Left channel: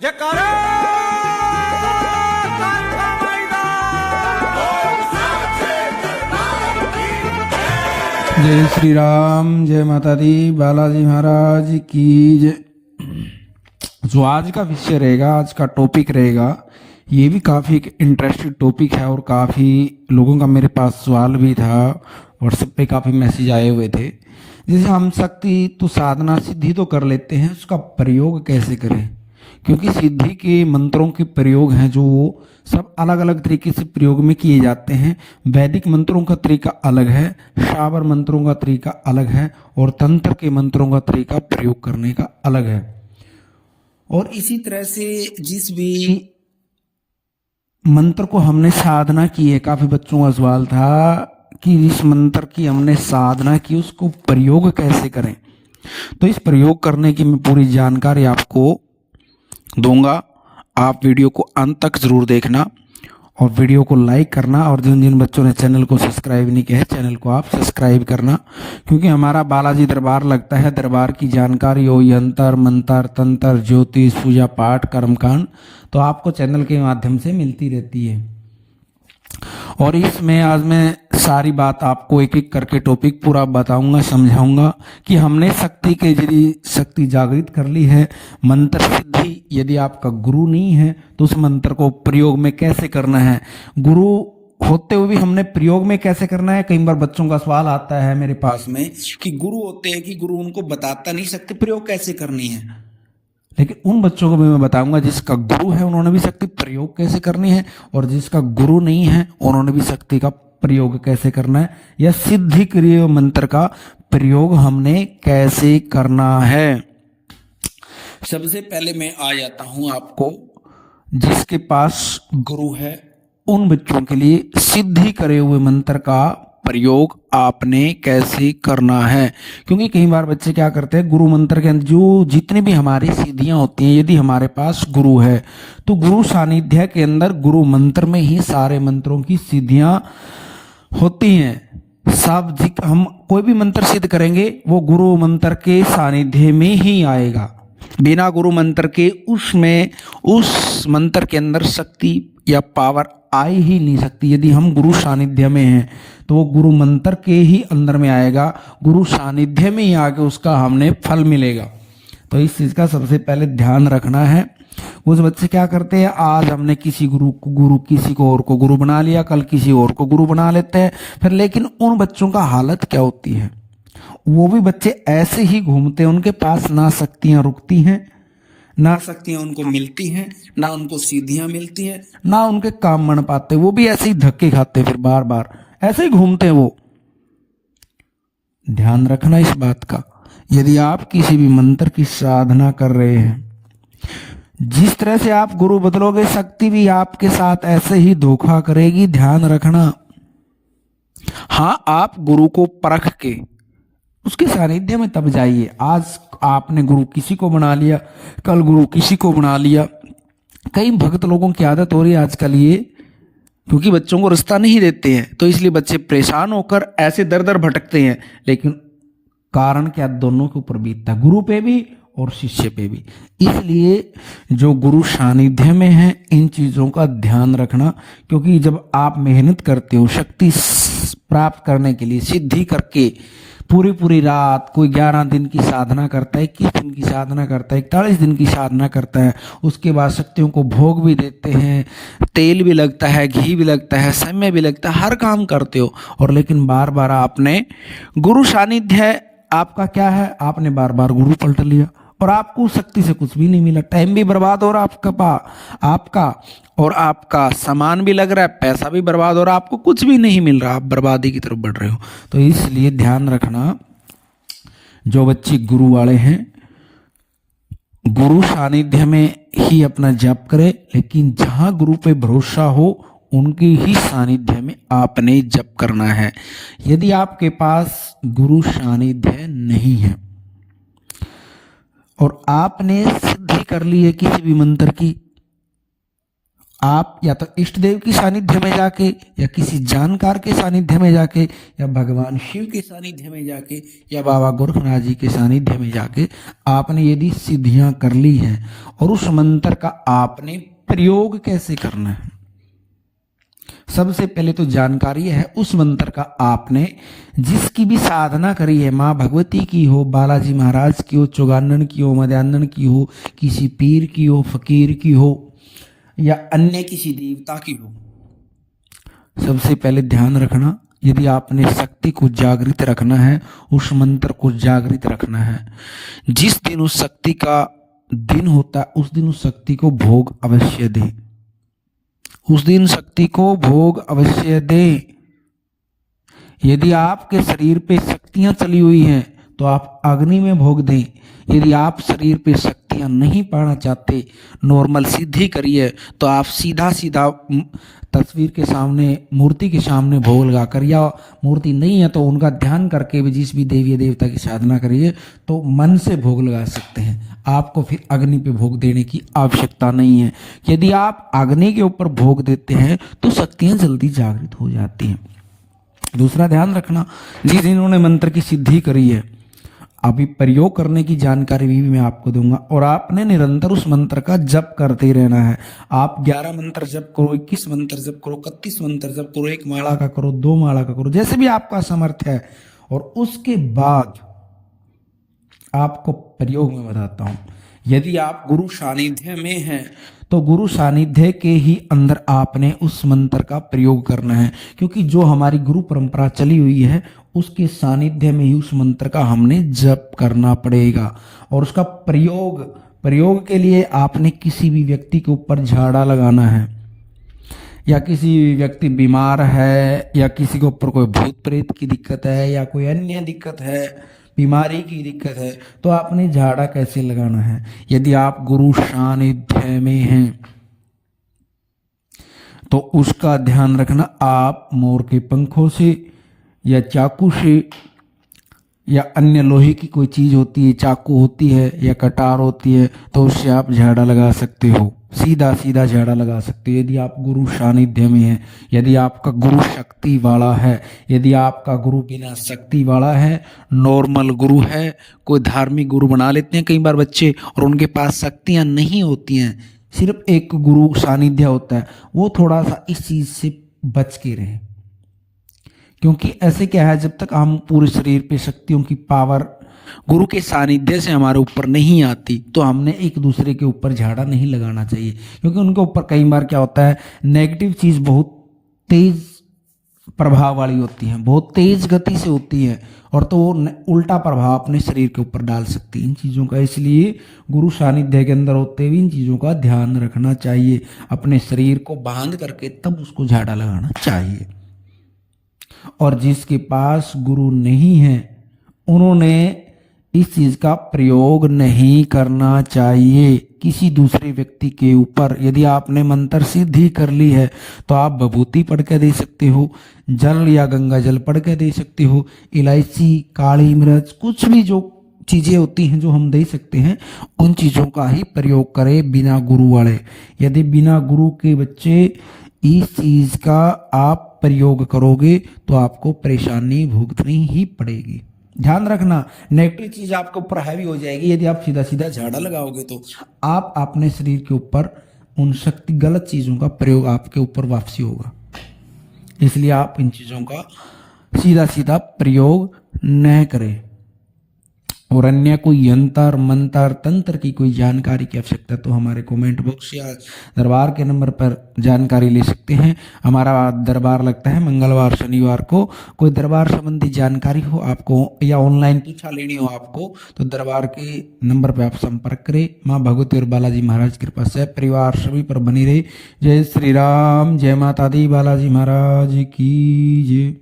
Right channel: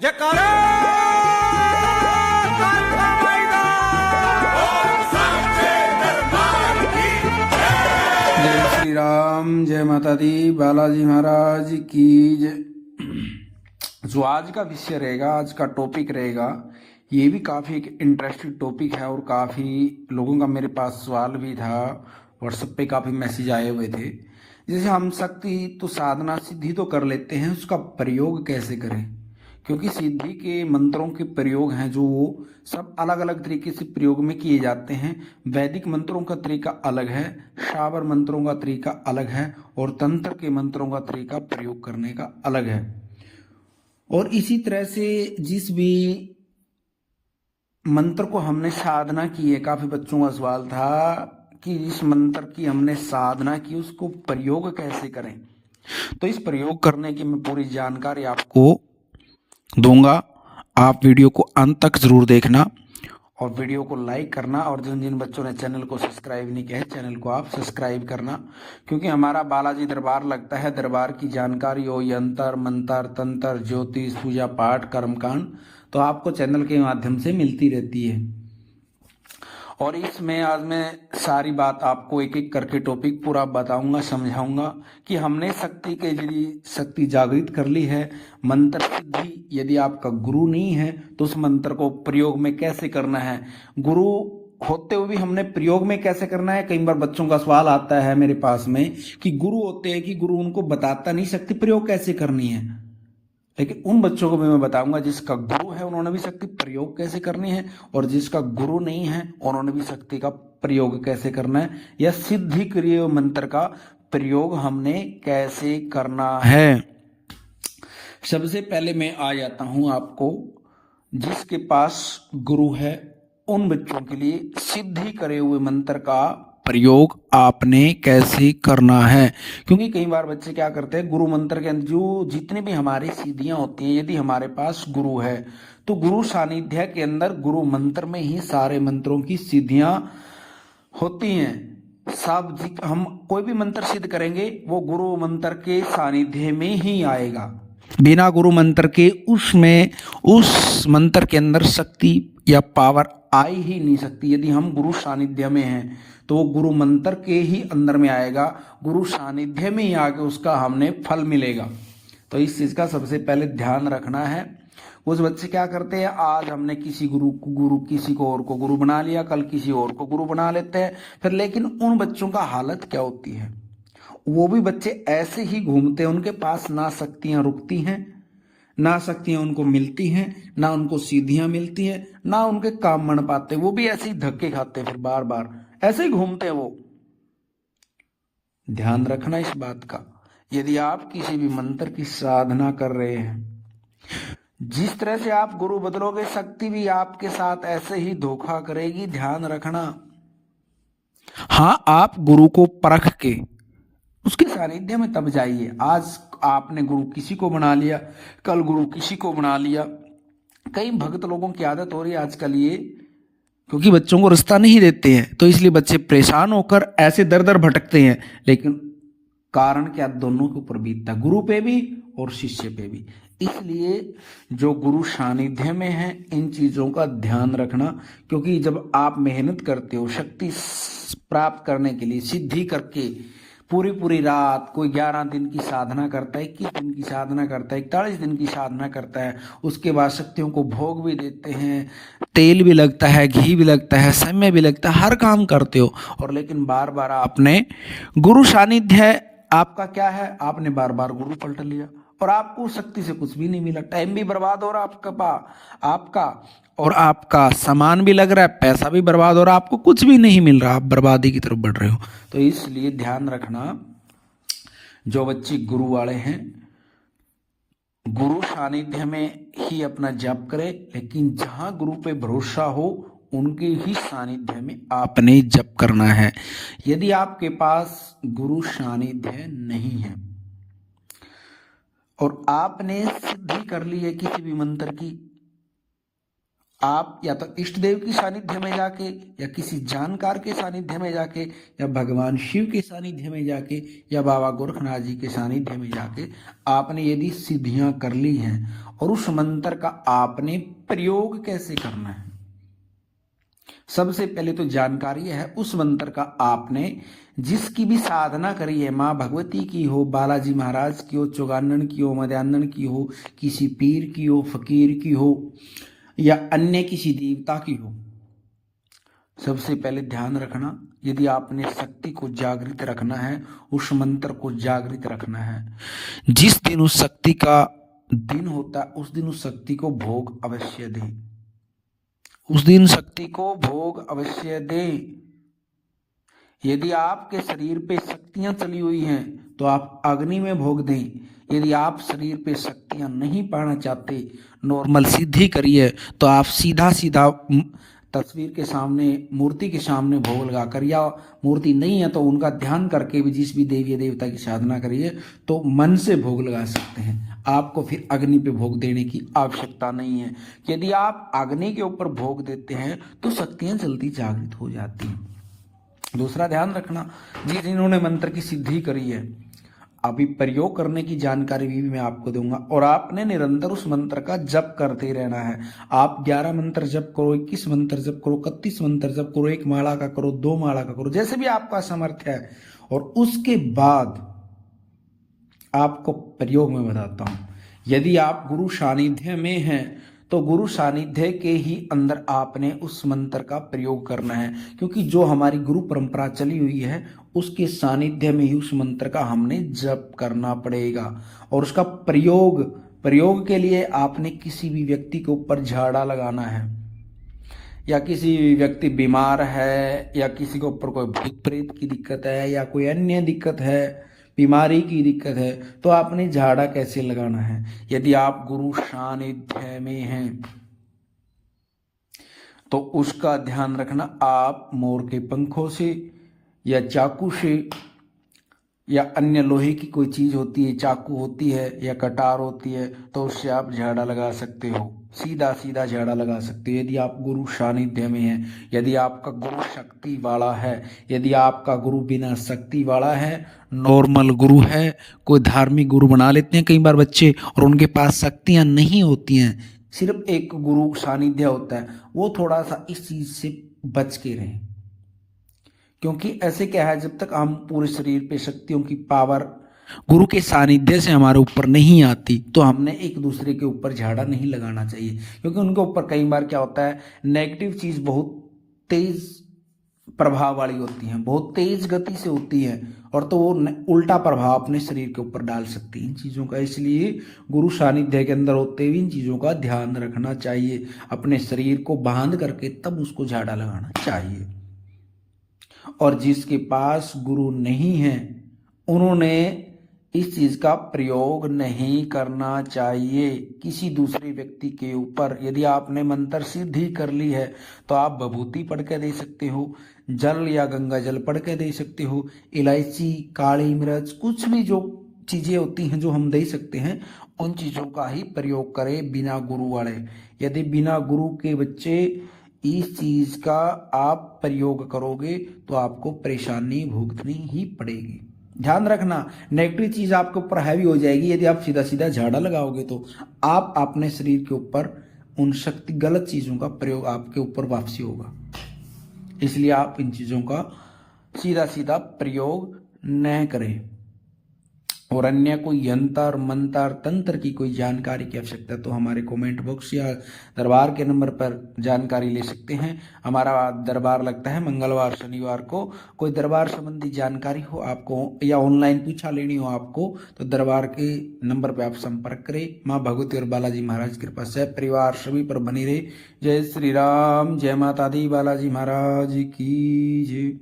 जयकारा कालका मैदान। जय श्री राम, जय माता दी, बालाजी महाराज की जय। जो आज का विषय रहेगा, आज का टॉपिक रहेगा, ये भी काफ़ी एक इंटरेस्टिंग टॉपिक है और काफ़ी लोगों का मेरे पास सवाल भी था, व्हाट्सएप पे काफ़ी मैसेज आए हुए थे। जैसे हम शक्ति तो साधना सिद्धि तो कर लेते हैं, उसका प्रयोग कैसे करें? क्योंकि सिद्धि के मंत्रों के प्रयोग हैं जो सब अलग अलग तरीके से प्रयोग में किए जाते हैं। वैदिक मंत्रों का तरीका अलग है, शाबर मंत्रों का तरीका अलग है और तंत्र के मंत्रों का तरीका प्रयोग करने का अलग है। और इसी तरह से जिस भी मंत्र को हमने साधना की है, काफ़ी बच्चों का सवाल था कि इस मंत्र की हमने साधना की, उसको प्रयोग कैसे करें। तो इस प्रयोग करने की मैं पूरी जानकारी आपको दूंगा। आप वीडियो को अंत तक ज़रूर देखना और वीडियो को लाइक करना, और जिन जिन बच्चों ने चैनल को सब्सक्राइब नहीं किया है, चैनल को आप सब्सक्राइब करना, क्योंकि हमारा बालाजी दरबार लगता है। दरबार की जानकारी हो, यंत्र मंत्र तंत्र ज्योतिष पूजा पाठ कर्मकांड, तो आपको चैनल के माध्यम से मिलती रहती है। और इसमें आज मैं सारी बात आपको एक एक करके टॉपिक पूरा बताऊंगा, समझाऊंगा कि हमने शक्ति के जरिए शक्ति जागृत कर ली है। मंत्र सिद्धि यदि आपका गुरु नहीं है तो उस मंत्र को प्रयोग में कैसे करना है, गुरु होते हुए भी हमने प्रयोग में कैसे करना है। कई बार बच्चों का सवाल आता है मेरे पास में कि गुरु होते हैं कि गुरु उनको बताता नहीं शक्ति प्रयोग कैसे करनी है। लेकिन उन बच्चों को भी मैं बताऊंगा जिसका गुरु है उन्होंने भी शक्ति प्रयोग कैसे करनी है, और जिसका गुरु नहीं है उन्होंने भी शक्ति का प्रयोग कैसे करना है, या सिद्धि क्रिया मंत्र का प्रयोग हमने कैसे करना है। सबसे पहले मैं आ जाता हूं आपको, जिसके पास गुरु है उन बच्चों के लिए सिद्धि करे हुए मंत्र का प्रयोग आपने कैसे करना है। क्योंकि कई बार बच्चे क्या करते हैं, गुरु मंत्र के अंदर जो जितनी भी हमारी सिद्धियां होती हैं, यदि हमारे पास गुरु है तो गुरु सानिध्य के अंदर गुरु मंत्र में ही सारे मंत्रों की सिद्धियां होती हैं। सब हम कोई भी मंत्र सिद्ध करेंगे वो गुरु मंत्र के सानिध्य में ही आएगा। बिना गुरु मंत्र के उसमें उस मंत्र के अंदर शक्ति या पावर आ ही नहीं सकती। यदि हम गुरु सानिध्य में हैं तो वो गुरु मंत्र के ही अंदर में आएगा, गुरु सानिध्य में ही आके उसका हमने फल मिलेगा। तो इस चीज़ का सबसे पहले ध्यान रखना है। उस बच्चे क्या करते हैं, आज हमने किसी किसी को और को गुरु बना लिया, कल किसी और को गुरु बना लेते हैं फिर। लेकिन उन बच्चों का हालत क्या होती है, वो भी बच्चे ऐसे ही घूमते हैं, उनके पास ना शक्तियाँ रुकती हैं, ना शक्तियाँ उनको मिलती हैं, ना उनको सीधियाँ मिलती हैं, ना उनके काम बन पाते। वो भी ऐसे ही धक्के खाते, फिर बार बार ऐसे ही घूमते हैं वो। ध्यान रखना इस बात का। यदि आप किसी भी मंत्र की साधना कर रहे हैं, जिस तरह से आप गुरु बदलोगे शक्ति भी आपके साथ ऐसे ही धोखा करेगी। ध्यान रखना। हाँ, आप गुरु को परख के उसके सानिध्य में तब जाइए। आज आपने गुरु किसी को बना लिया, कल गुरु किसी को बना लिया। कई भक्त लोगों की आदत हो रही है आजकल ये, क्योंकि बच्चों को रास्ता नहीं देते हैं तो इसलिए बच्चे परेशान होकर ऐसे दर दर भटकते हैं। लेकिन कारण क्या, दोनों के ऊपर बीतता है, गुरु पे भी और शिष्य पे भी। इसलिए जो गुरु सानिध्य में है इन चीज़ों का ध्यान रखना। क्योंकि जब आप मेहनत करते हो शक्ति प्राप्त करने के लिए, सिद्धि करके पूरी पूरी रात, कोई 11 दिन की साधना करता है, 21 दिन की साधना करता है, 41 दिन की साधना करता है, उसके बाद शक्तियों को भोग भी देते हैं, तेल भी लगता है, घी भी लगता है, समय भी लगता है, हर काम करते हो, और लेकिन बार बार आपने गुरु सानिध्य आपका क्या है, आपने बार बार गुरु पलट लिया और आपको शक्ति से कुछ भी नहीं मिला। टाइम भी बर्बाद हो रहा आपका और आपका सामान भी लग रहा है, पैसा भी बर्बाद हो रहा है, आपको कुछ भी नहीं मिल रहा, आप बर्बादी की तरफ बढ़ रहे हो। तो इसलिए ध्यान रखना, जो बच्चे गुरु वाले हैं गुरु सानिध्य में ही अपना जप करें। लेकिन जहां गुरु पे भरोसा हो उनके ही सानिध्य में आपने जप करना है। यदि आपके पास गुरु सानिध्य नहीं है और आपने सिद्धि कर ली है किसी भी मंत्र की, आप या तो इष्ट देव की सानिध्य में जाके या किसी जानकार के सानिध्य में जाके या भगवान शिव के सानिध्य में जाके या बाबा गोरखनाथ जी के सानिध्य में जाके आपने यदि सिद्धियां कर ली हैं और उस मंत्र का आपने प्रयोग कैसे करना है, सबसे पहले तो जानकारी है उस मंत्र का आपने जिसकी भी साधना करी है, माँ भगवती की हो, बालाजी महाराज की हो, चौगानन की हो, मध्यान्हन की हो, किसी पीर की हो, फकीर की हो या अन्य किसी देवता की हो, सबसे पहले ध्यान रखना यदि आपने शक्ति को जागृत रखना है, उस मंत्र को जागृत रखना है, जिस दिन उस शक्ति का दिन होता है उस दिन उस शक्ति को भोग अवश्य दे, उस दिन शक्ति को भोग अवश्य दे। यदि आपके शरीर पे शक्तियां चली हुई हैं तो आप अग्नि में भोग दें। यदि आप शरीर पे शक्तियां नहीं पाना चाहते, नॉर्मल सिद्धि करिए, तो आप सीधा सीधा तस्वीर के सामने, मूर्ति के सामने भोग लगा कर, या मूर्ति नहीं है तो उनका ध्यान करके भी जिस भी देवी देवता की साधना करिए तो मन से भोग लगा सकते हैं। आपको फिर अग्नि पे भोग देने की आवश्यकता नहीं है। यदि आप अग्नि के ऊपर भोग देते हैं तो शक्तियां जल्दी जागृत हो जाती हैं। दूसरा ध्यान रखना, जिस इन्होंने मंत्र की सिद्धि करी है, अभी प्रयोग करने की जानकारी भी मैं आपको दूंगा और आपने निरंतर उस मंत्र का जप करते रहना है। आप 11 मंत्र जप करो, 21 मंत्र जप करो, 31 मंत्र जप करो, 1 माला का करो, 2 माला का करो, जैसे भी आपका सामर्थ्य है। और उसके बाद आपको प्रयोग में बताता हूं, यदि आप गुरु सानिध्य में हैं तो गुरु सानिध्य के ही अंदर आपने उस मंत्र का प्रयोग करना है, क्योंकि जो हमारी गुरु परंपरा चली हुई है उसके सानिध्य में ही उस मंत्र का हमने जप करना पड़ेगा। और उसका प्रयोग के लिए आपने किसी भी व्यक्ति के ऊपर झाड़ा लगाना है, या किसी व्यक्ति बीमार है, या किसी के ऊपर कोई भूत प्रेत की दिक्कत है, या कोई अन्य दिक्कत है, बीमारी की दिक्कत है, तो आपने झाड़ा कैसे लगाना है। यदि आप गुरु सानिध्य में हैं तो उसका ध्यान रखना, आप मोर के पंखों से या चाकू से या अन्य लोहे की कोई चीज होती है, चाकू होती है या कटार होती है, तो उससे आप झाड़ा लगा सकते हो, सीधा सीधा झाड़ा लगा सकते हो। यदि आप गुरु सानिध्य में हैं, यदि आपका गुरु शक्ति वाला है, यदि आपका गुरु बिना शक्ति वाला है, नॉर्मल गुरु है, कोई धार्मिक गुरु बना लेते हैं कई बार बच्चे और उनके पास शक्तियां नहीं होती हैं, सिर्फ एक गुरु सानिध्य होता है, वो थोड़ा सा इस चीज से बच के रहें। क्योंकि ऐसे क्या है, जब तक हम पूरे शरीर पे शक्तियों की पावर गुरु के सानिध्य से हमारे ऊपर नहीं आती तो हमने एक दूसरे के ऊपर झाड़ा नहीं लगाना चाहिए, क्योंकि उनके ऊपर कई बार क्या होता है, नेगेटिव चीज बहुत तेज प्रभाव वाली होती है, बहुत तेज गति से होती है, और तो वो उल्टा प्रभाव अपने शरीर के ऊपर डाल सकती है इन चीज़ों का। इसलिए गुरु सानिध्य के अंदर होते हुए इन चीज़ों का ध्यान रखना चाहिए, अपने शरीर को बांध करके तब उसको झाड़ा लगाना चाहिए। और जिसके पास गुरु नहीं है उन्होंने इस चीज का प्रयोग नहीं करना चाहिए किसी दूसरे व्यक्ति के ऊपर। यदि आपने मंत्र सिद्धि कर ली है तो आप विभूति पढ़ के दे सकते हो, जल या गंगा जल पढ़ के दे सकते हो, इलायची, काली मिर्च, कुछ भी जो चीजें होती हैं जो हम दे सकते हैं उन चीजों का ही प्रयोग करें, बिना गुरु वाले। यदि बिना गुरु के बच्चे इस चीज का आप प्रयोग करोगे तो आपको परेशानी भुगतनी ही पड़ेगी। ध्यान रखना, नेगेटिव चीज आपके ऊपर हैवी हो जाएगी यदि आप सीधा सीधा झाड़ा लगाओगे तो आप अपने शरीर के ऊपर उन शक्ति गलत चीजों का प्रयोग आपके ऊपर वापसी होगा। इसलिए आप इन चीजों का सीधा सीधा प्रयोग न करें। और अन्य कोई यंत्र मंत्र तंत्र की कोई जानकारी की आवश्यकता तो हमारे कमेंट बॉक्स या दरबार के नंबर पर जानकारी ले सकते हैं। हमारा दरबार लगता है मंगलवार शनिवार को। कोई दरबार संबंधी जानकारी हो आपको या ऑनलाइन पूछा लेनी हो आपको तो दरबार के नंबर पर आप संपर्क करें। माँ भगवती और बालाजी महाराज की कृपा से परिवार सभी पर बनी रहे। जय श्री राम, जय माता दी, बालाजी महाराज की जय।